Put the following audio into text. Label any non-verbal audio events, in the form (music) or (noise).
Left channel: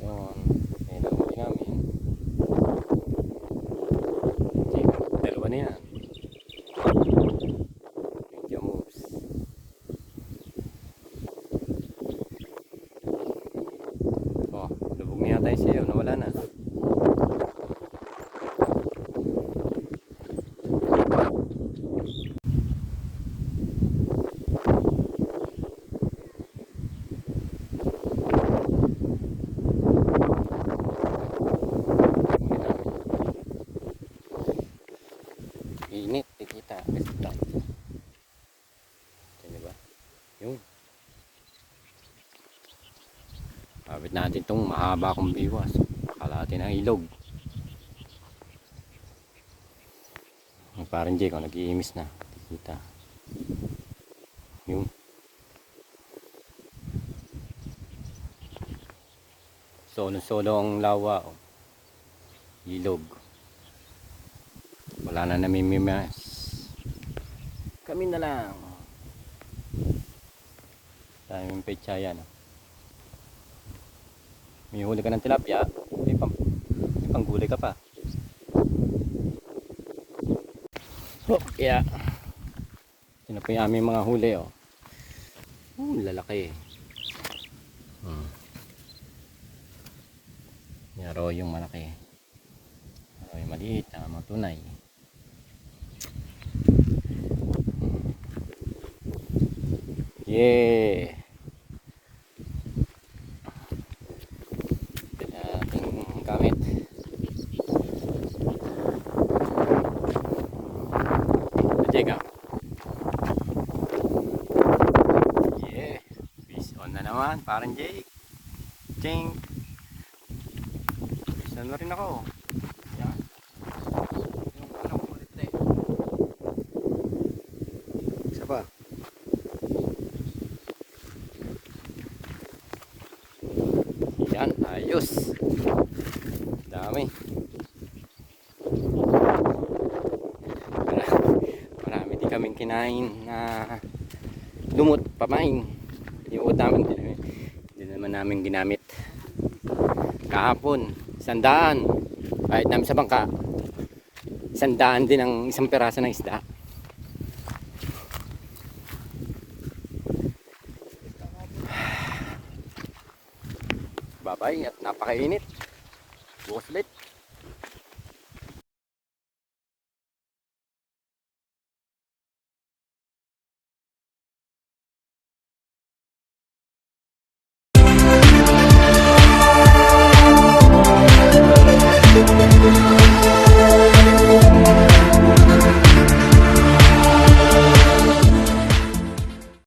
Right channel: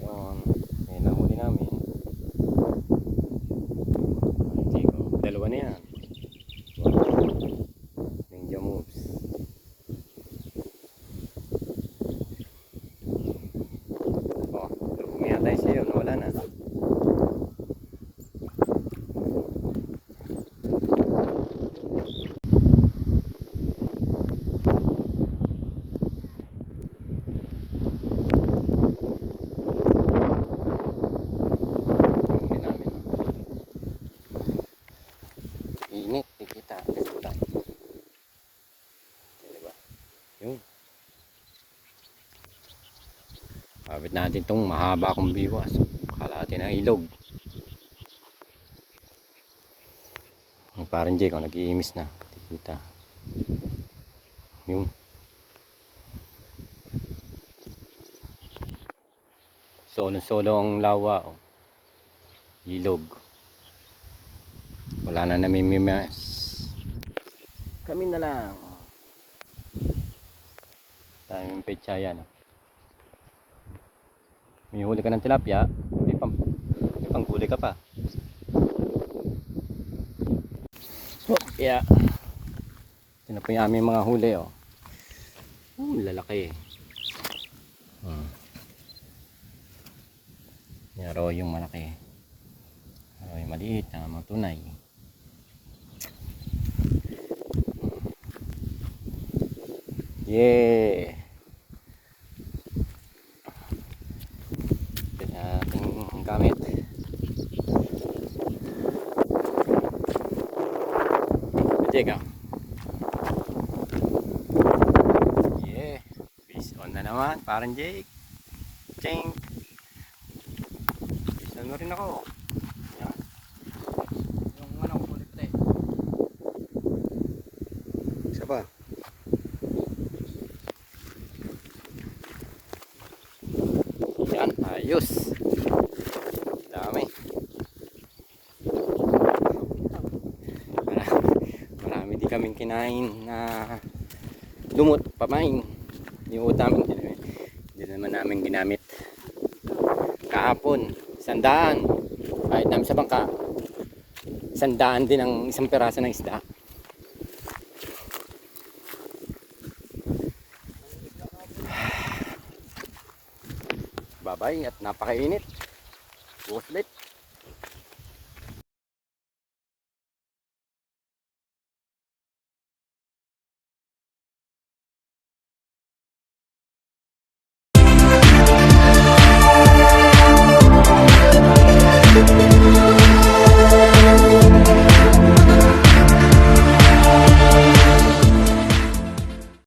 sitwasyon. Ayun ang huli namin. Sige, dalawa na yan. Ninja moves. Oh, lubog na yata yung sayo. Nawala na. Huli namin. Init, Kasi wala. Yan diba? Yun. Kapit natin tong mahaba kong biwas. Kalahati ng ilog. Yung parang Jake, oh, nag-iimis na. Kikita. Yun. Solo-solo ang lawa. Oh. Ilog. Wala na namimimas. Kami na lang. Daming pecha yan. oh. May huli ka ng tilapia, may pang, may panggulay ka pa. Oh, yeah. Ito na po yung aming mga huli, oh. Oh, lalaki. Hmm. Yaro yung malaki. Yaro yung maliit, na mga tunay. Yeah! Ito na ating gamit. Teka. Yeah. Fish on na naman. Parang Jake. Ching. Fish on na rin ako. Ano kulit eh. Isa pa. Yan. Ayos. Dami. (laughs) Marami din kaming kinain na lumot, pamain. Yung utang, hindi naman namin ginamit. Kahapon, sandaan. Kahit namin sa bangka, sandaan din ang isang peraso ng isda. Bye-bye at napakainit. Bukas ulit.